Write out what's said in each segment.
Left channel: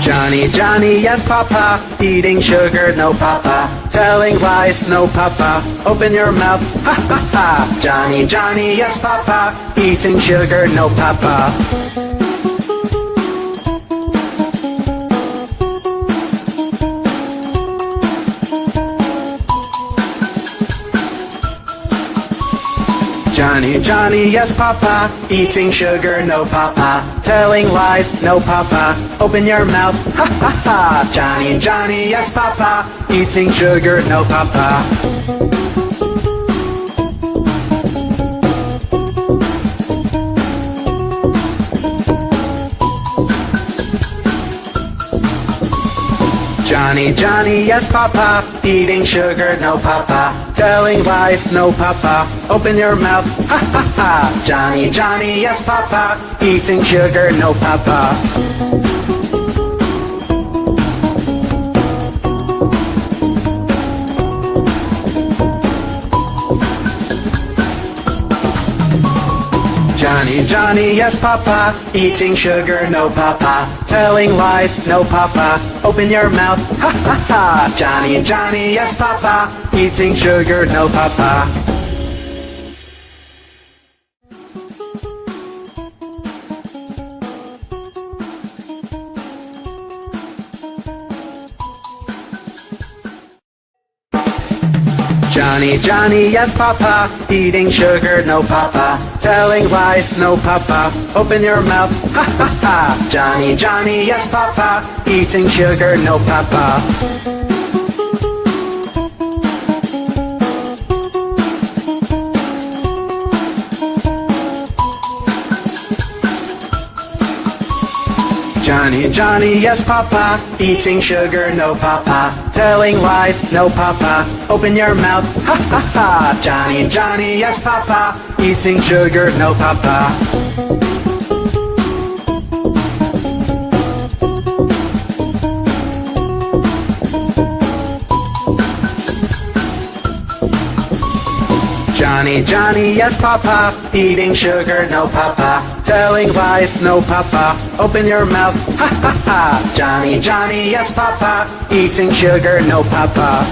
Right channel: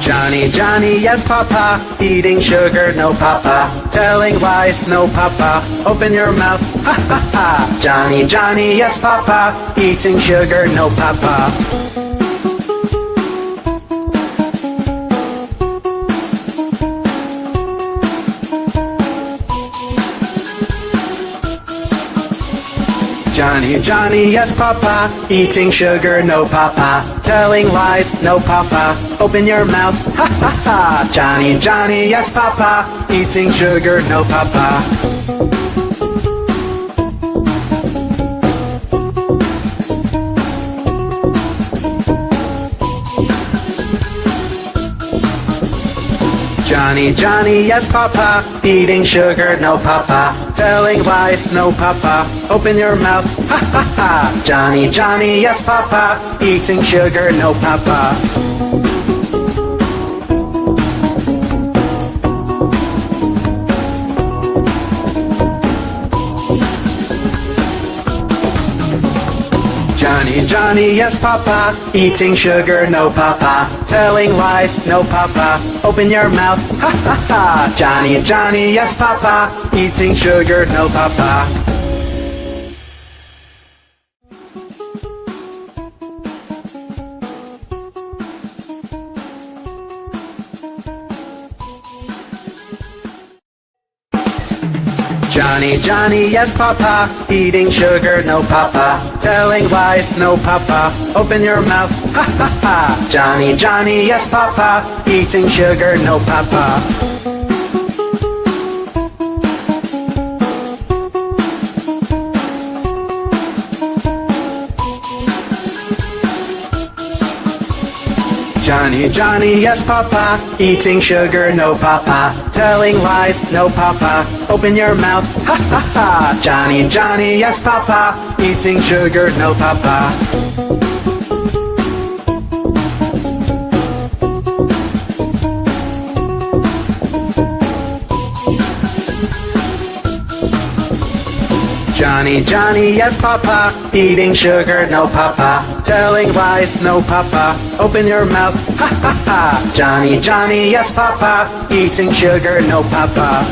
Johny Johny, yes papa, eating sugar, no papa, telling lies, no papa, open your mouth, ha ha ha. Johny Johny, yes papa, eating sugar, no papa. Johny Johny, yes papa, eating sugar, no papa, telling lies, no papa, open your mouth, ha ha ha. Johny Johny, yes papa, eating sugar, no papa. Johny Johny, yes papa, eating sugar, no papa, telling lies, no papa, open your mouth, ha ha ha. Johny Johny, yes papa, eating sugar, no papa. Johny Johny, yes papa, eating sugar, no papa, telling lies, no papa, open your mouth, ha ha ha. Johny Johny, yes papa, eating sugar, no papa. Johny Johny, yes papa, eating sugar, no papa, telling lies, no papa, open your mouth, ha ha ha. Johny Johny, yes papa, eating sugar, no papa. Johny Johny, yes papa, eating sugar, no papa, telling lies, no papa, open your mouth, ha ha ha. Johny Johny, yes papa, eating sugar, no papa. Johny Johny, yes papa, eating sugar, no papa, telling lies, no papa, open your mouth, ha ha ha. Johny Johny, yes papa, eating sugar, no papa.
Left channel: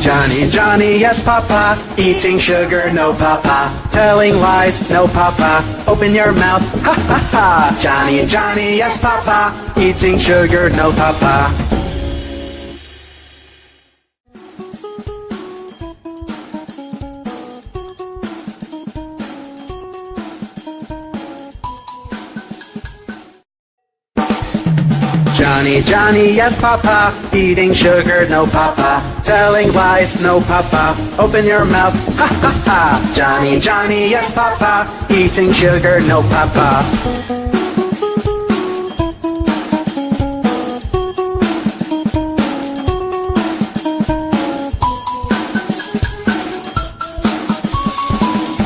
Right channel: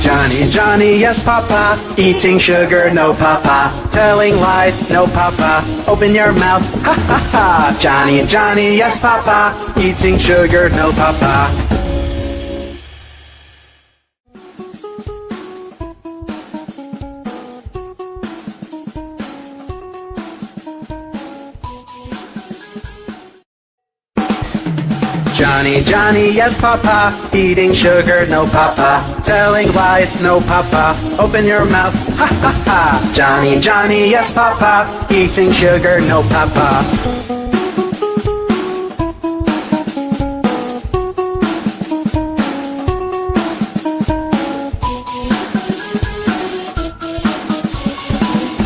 Johny Johny, yes papa, eating sugar, no papa, telling lies, no papa, open your mouth, ha ha ha. Johny Johny, yes papa, eating sugar, no papa. Johny Johny, yes papa, eating sugar, no papa, telling lies, no papa, open your mouth, ha ha ha. Johny Johny, yes papa, eating sugar, no papa.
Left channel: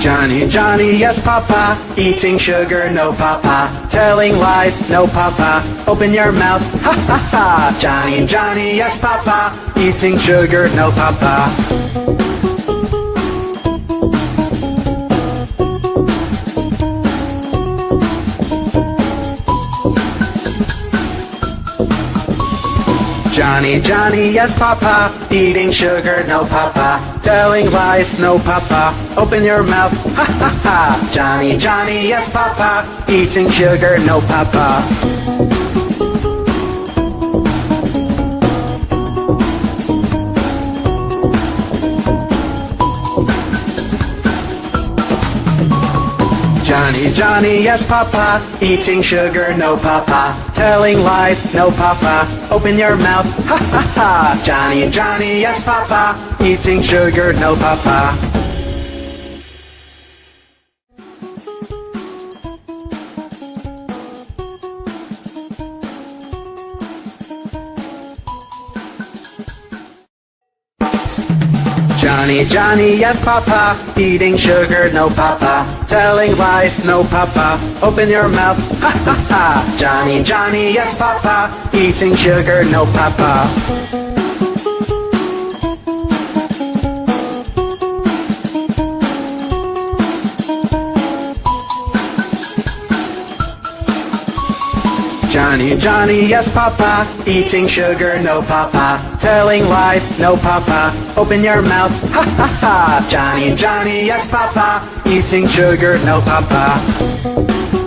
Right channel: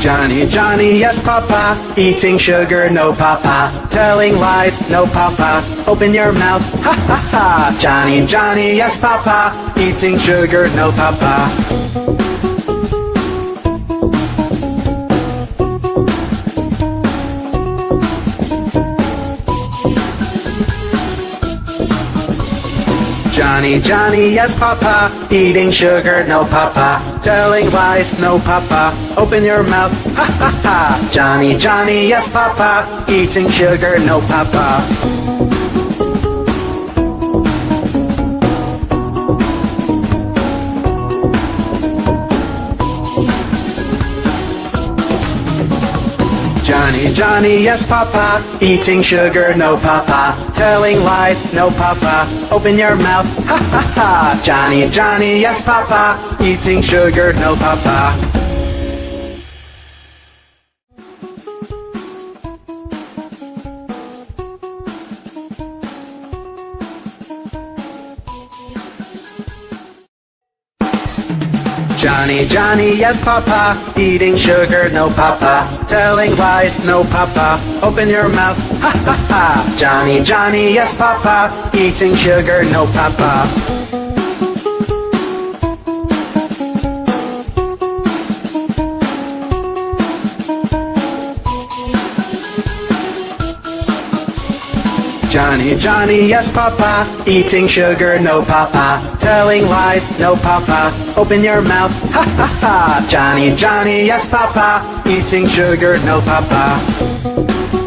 Johny Johny, yes papa, eating sugar, no papa, telling lies, no papa, open your mouth, ha ha ha. Johny Johny, yes papa, eating sugar, no papa. Johny Johny, yes papa, eating sugar, no papa, telling lies, no papa, open your mouth, ha ha ha. Johny Johny, yes papa, eating sugar, no papa. Johny Johny, yes papa, eating sugar, no papa, telling lies, no papa, open your mouth, ha ha ha. Johny Johny, yes papa, eating sugar, no papa. Johny Johny, yes papa, eating sugar, no papa, telling lies, no papa, open your mouth, ha ha ha. Johny Johny, yes papa, eating sugar, no papa. Johnny, Johnny, yes, Papa. Eating sugar, no, Papa. Telling lies, no, Papa. Open your mouth, ha, ha, ha. Johnny, Johnny, yes, Papa. Eating sugar, no, Papa.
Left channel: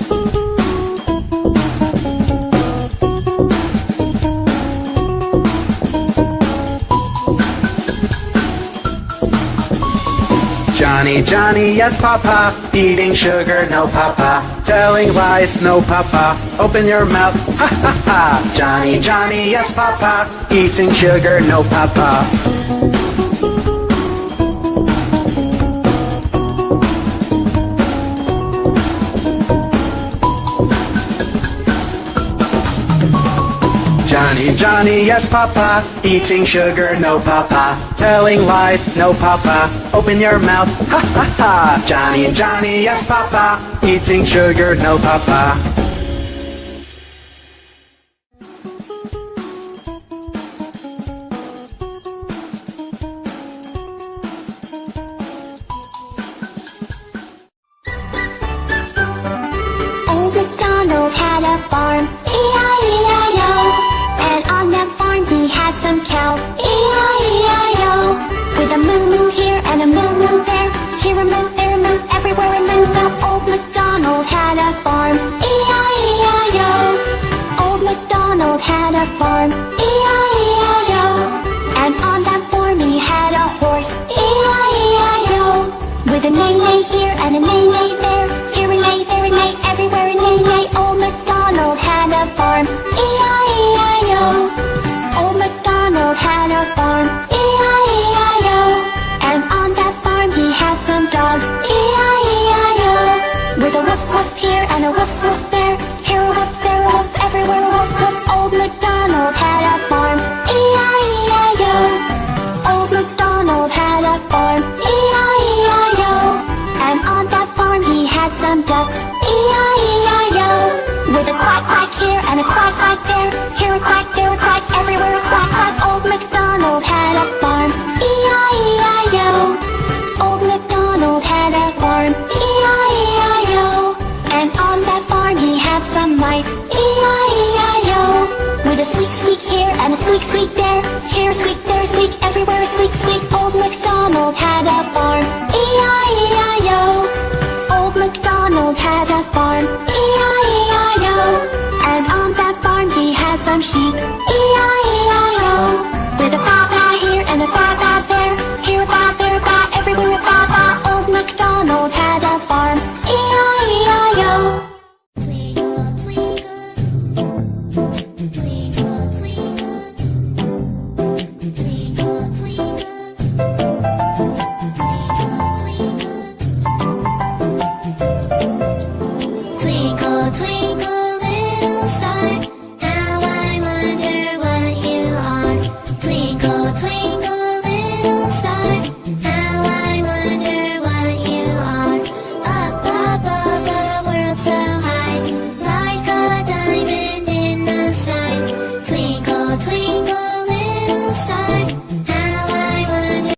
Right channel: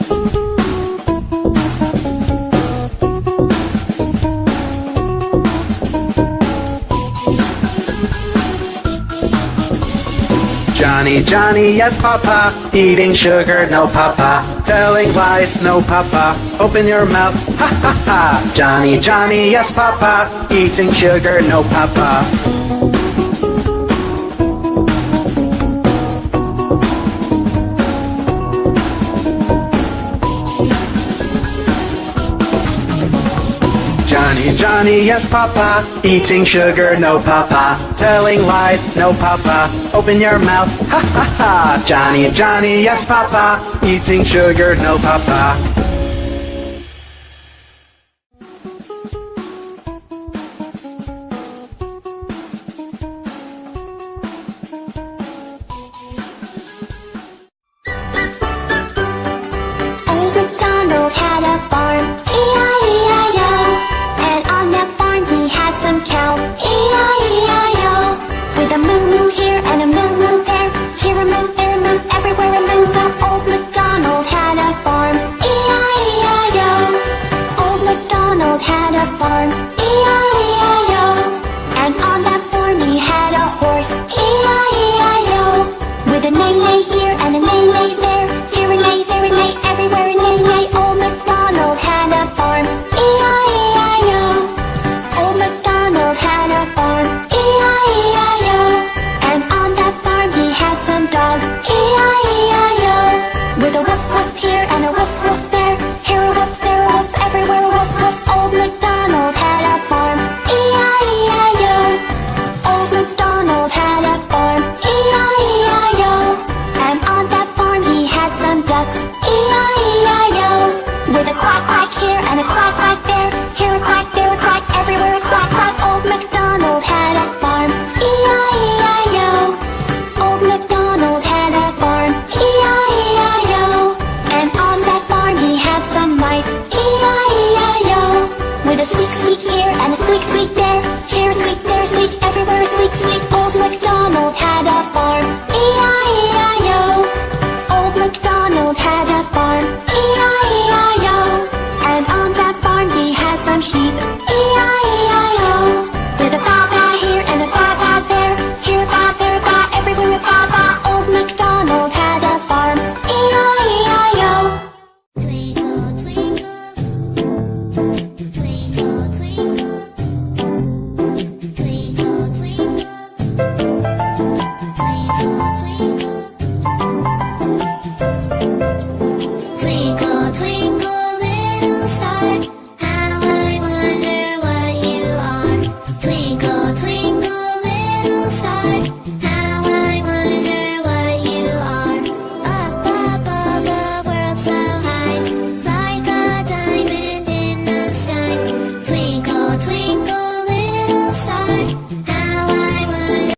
Johnny, Johnny, yes, Papa. Eating sugar, no, Papa. Telling lies, no, Papa. Open your mouth, ha, ha, ha. Johnny, Johnny, yes, Papa. Eating sugar, no, Papa. Johnny, Johnny, yes, Papa. Eating sugar, no, Papa. Telling lies, no, Papa. Open your mouth, ha, ha, ha. Johnny, Johnny, yes, Papa. Eating sugar, no, Papa. Old MacDonald had a farm.